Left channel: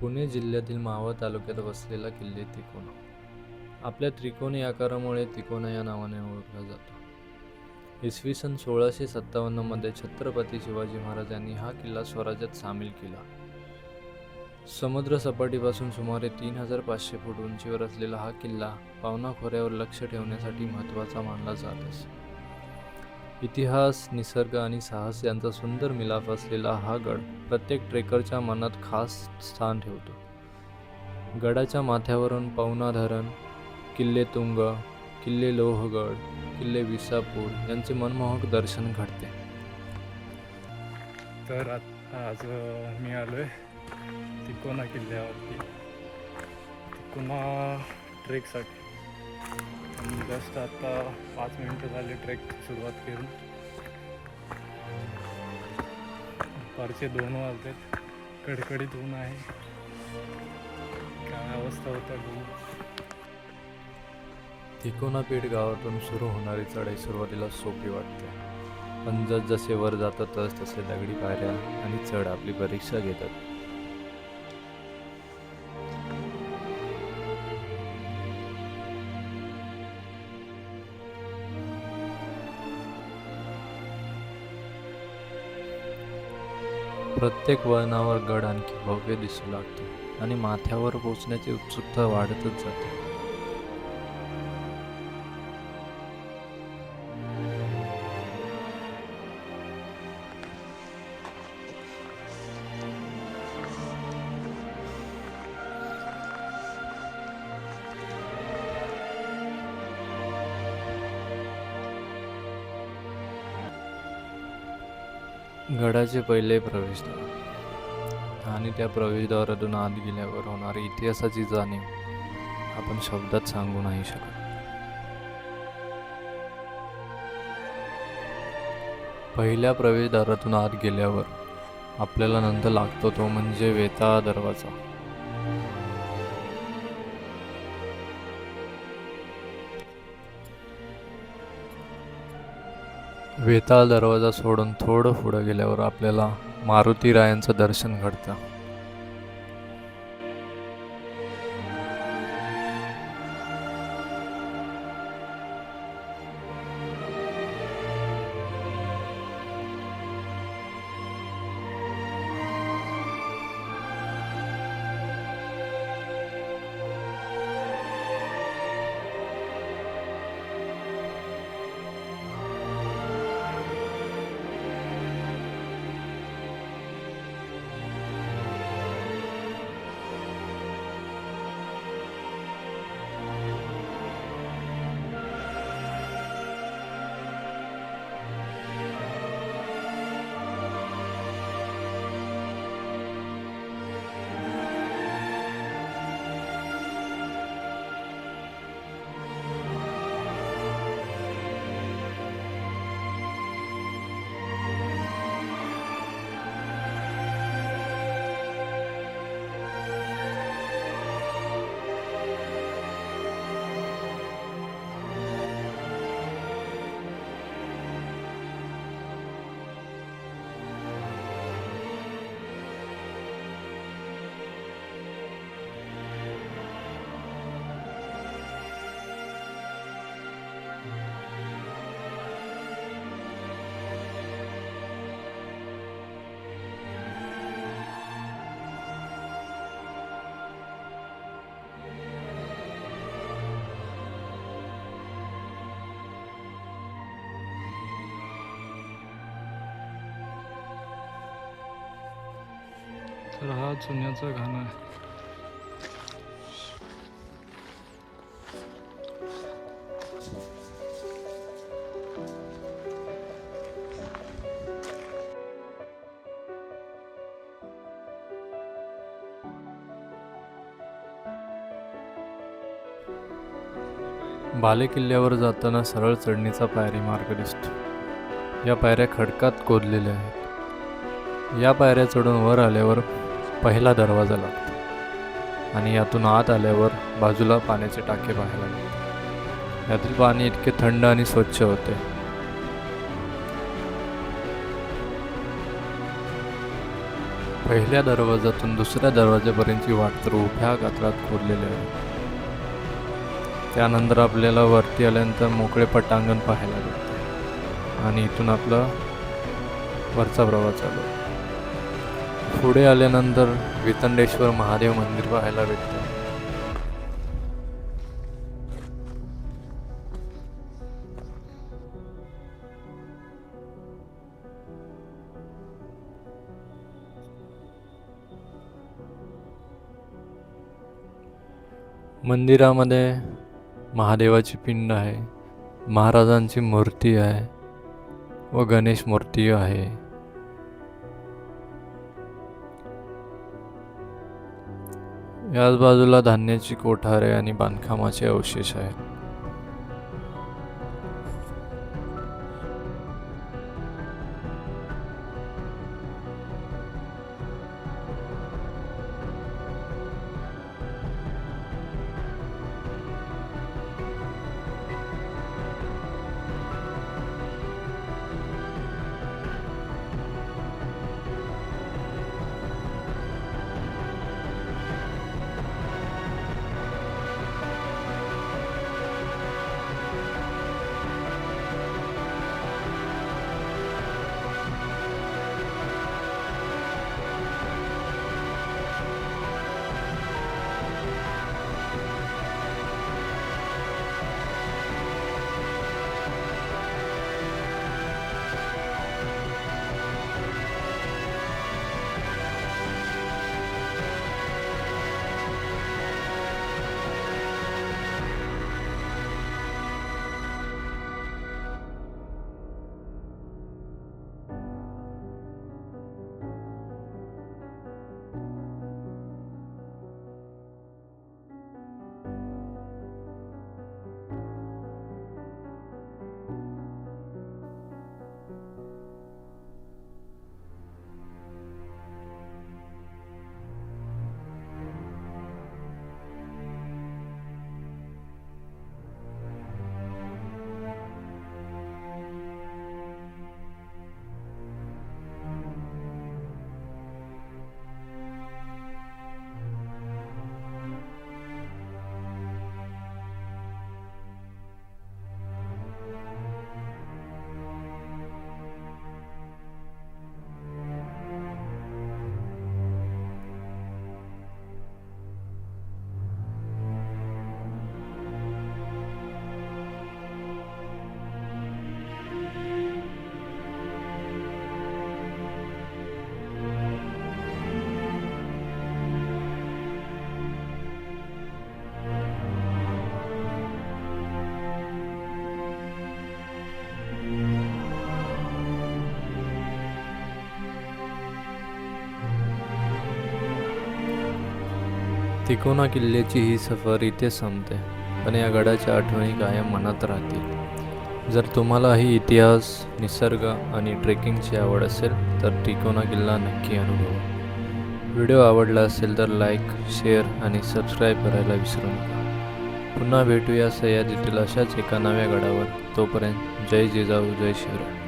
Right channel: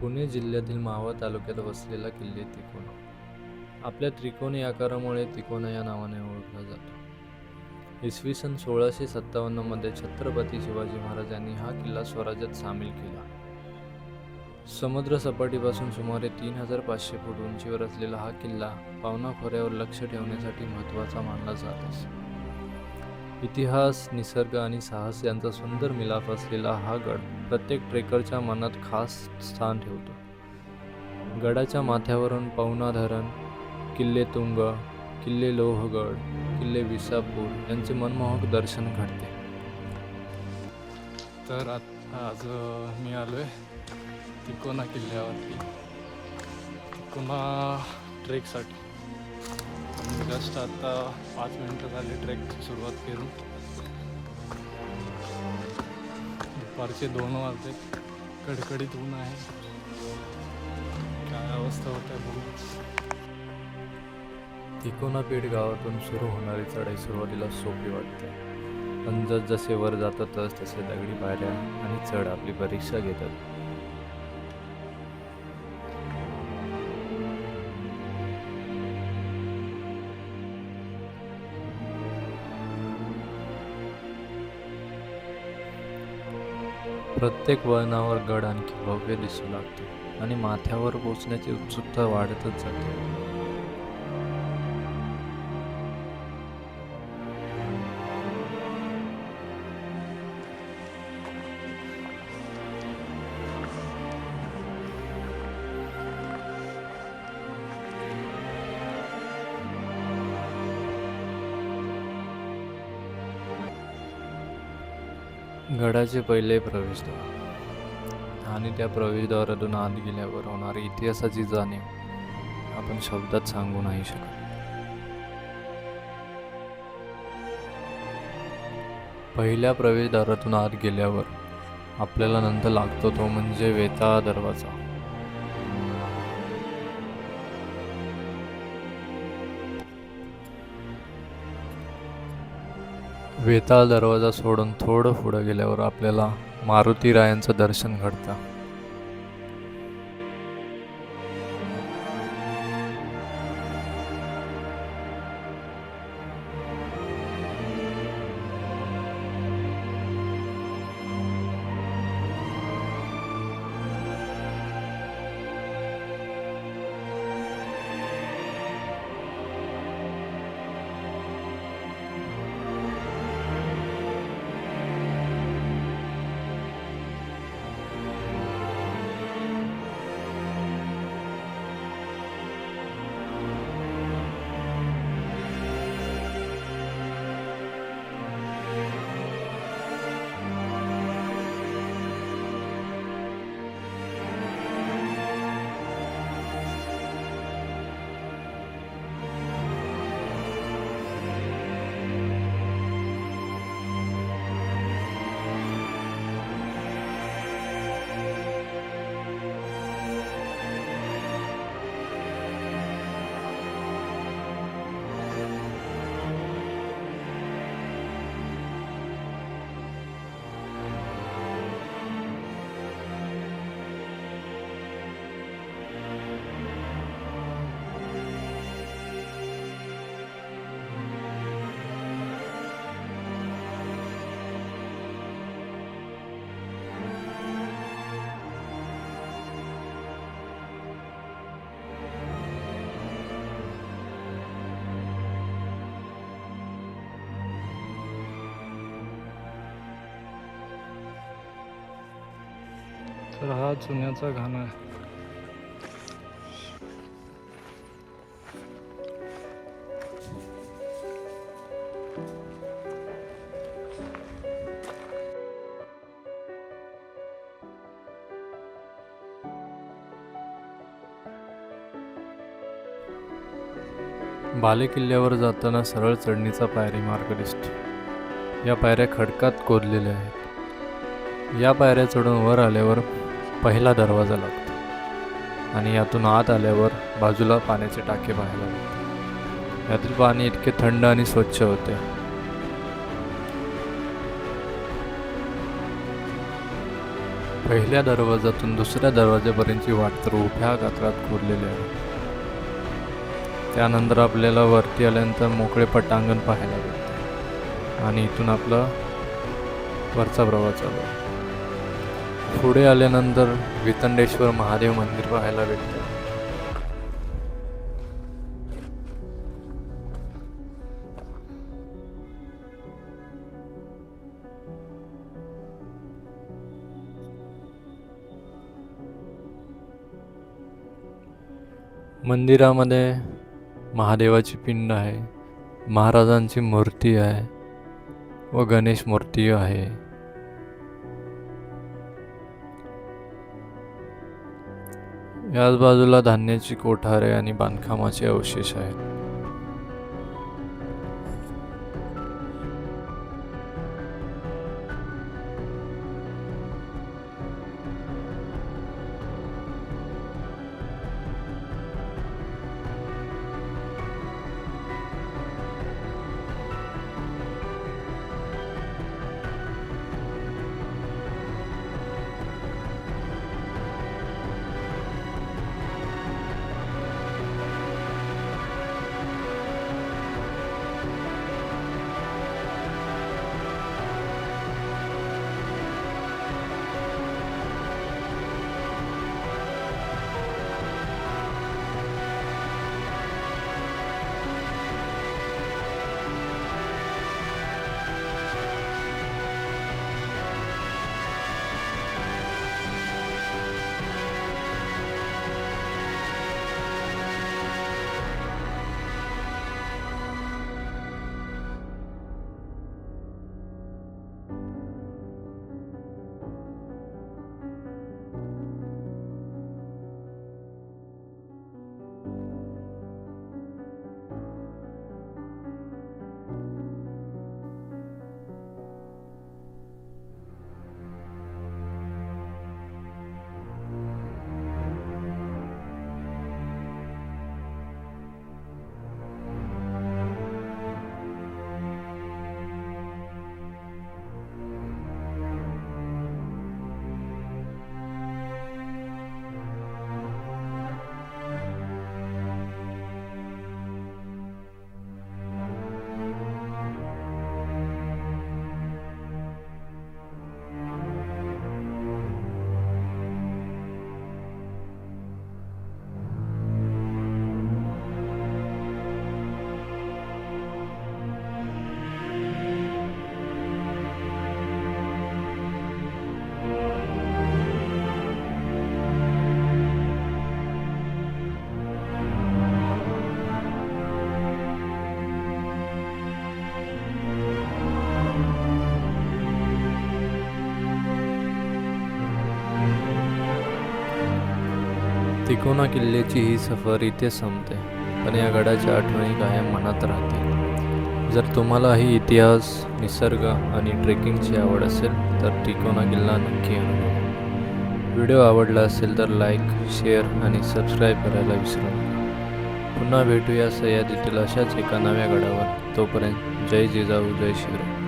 पुणे जिल्ह्यातील मावळ तालुक्यात वसलेला किल्ले तिकोना. आपल्या त्रिकोणी आकारामुळे तिकोना या नावाने ओळखला जातो. इसवी सन 1657 मध्ये छत्रपती शिवाजी महाराजांनी हा किल्ला स्वराज्यात सामील केला. समुद्र सपाटीपासून सुमारे 3500 फूट उंचीवर असलेला हा किल्ला पावना खोऱ्यावर लक्ष ठेवण्यासाठी महत्त्वाचा मानला जात असे. इतिहास, निसर्ग आणि साहस यांचा सुंदर मिलाफ असलेला हा गड प्रत्येक ट्रेकरच्या मनात खास स्थान ठेवतो. गडाच्या माथ्यावरून पवना धरण, किल्ले तुंग, किल्ले लोहगड, किल्ले विसापूर यांचे मनमोहक दर्शन घडते. तर आज मी आलोय तिकोना किल्ल्यावरती, तिकोना ट्रेकसाठी. मी जस्ट आता 5 मिनिटं झाली ट्रेकची सुरुवात केली. दुपारचे 2 वाजले, कडकडीत ऊन आहे. काय अवस्था होत आहे बघू. तिकोना पेठ गावातून सुरू होणारी चढाई सुरुवातीला सोपी वाटते, पण जसजसे वर जातात तसे दगडी पायऱ्या आणि चढ आपली परीक्षा घेतात. प्रत्येक वळणावर गड आणखी भव्य दिसू लागतो आणि माथ्यावर पोहोचण्याची उत्सुकता वाढतच जाते. गडाचे पहिले प्रवेशद्वार आणि त्या प्रवेशद्वारातून आत गेल्यावर होणारी इतिहासाची जाणीव आपण शब्दात सांगू नाही शकत. पहिल्या प्रवेशद्वारातून आत गेल्यावर आपल्याला नंतर लागतो तो म्हणजे वेताळ दरवाजा. वेताळ दरवाजा सोडून थोडं पुढे गेल्यावर आपल्याला मारुतीरायांचं दर्शन घडतं. तर हा चुन्याचा घाणा आहे. बालेकिल्ल्यावर जाताना सरळ चढणीचा पायरी मार्ग दिसतो. या पायऱ्या खडकात खोदलेल्या आहेत. या पायऱ्या चढून वर आल्यावर पहिला दरवाजा लागतो आणि यातून आत आल्यावर बाजूला पाण्याचे टाके पाहायला मिळतात. यातील पाणी इतके थंड आणि स्वच्छ होते. पहिल्या दरवाजातून दुसऱ्या दरवाजापर्यंतची वाट तर उभ्या गात्रात खोदलेली आहे. त्यानंतर आपल्याला वरती आल्यानंतर मोकळे पटांगण पाहायला भेटते आणि इथून आपला वरचा प्रवास चालू आहे. पुढे आल्यानंतर वितंडेश्वर महादेव मंदिर पाहायला भेटतं. मंदिरामध्ये महादेवाची पिंड आहे, महाराजांची मूर्ती आहे व गणेश मूर्ती आहे. याच बाजूला धान्याची कोठारे आणि बांधकामाचे अवशेष आहेत. तिकोना किल्ल्याची ही सफर इथे संपते, पण या गडाच्या आठवणी कायम मनात राहतील. जर तुम्हालाही इतिहास, निसर्ग आणि ट्रेकिंगची आवड असेल तर तिकोना किल्ला नक्की अनुभवा. व्हिडिओ आवडला असेल तर लाईक, शेअर आणि सबस्क्राईब करायला विसरू नका. पुन्हा भेटूया सह्याद्रीतील अशाच एका नव्या गडावर. तोपर्यंत जय जिजाऊ, जय शिवराय.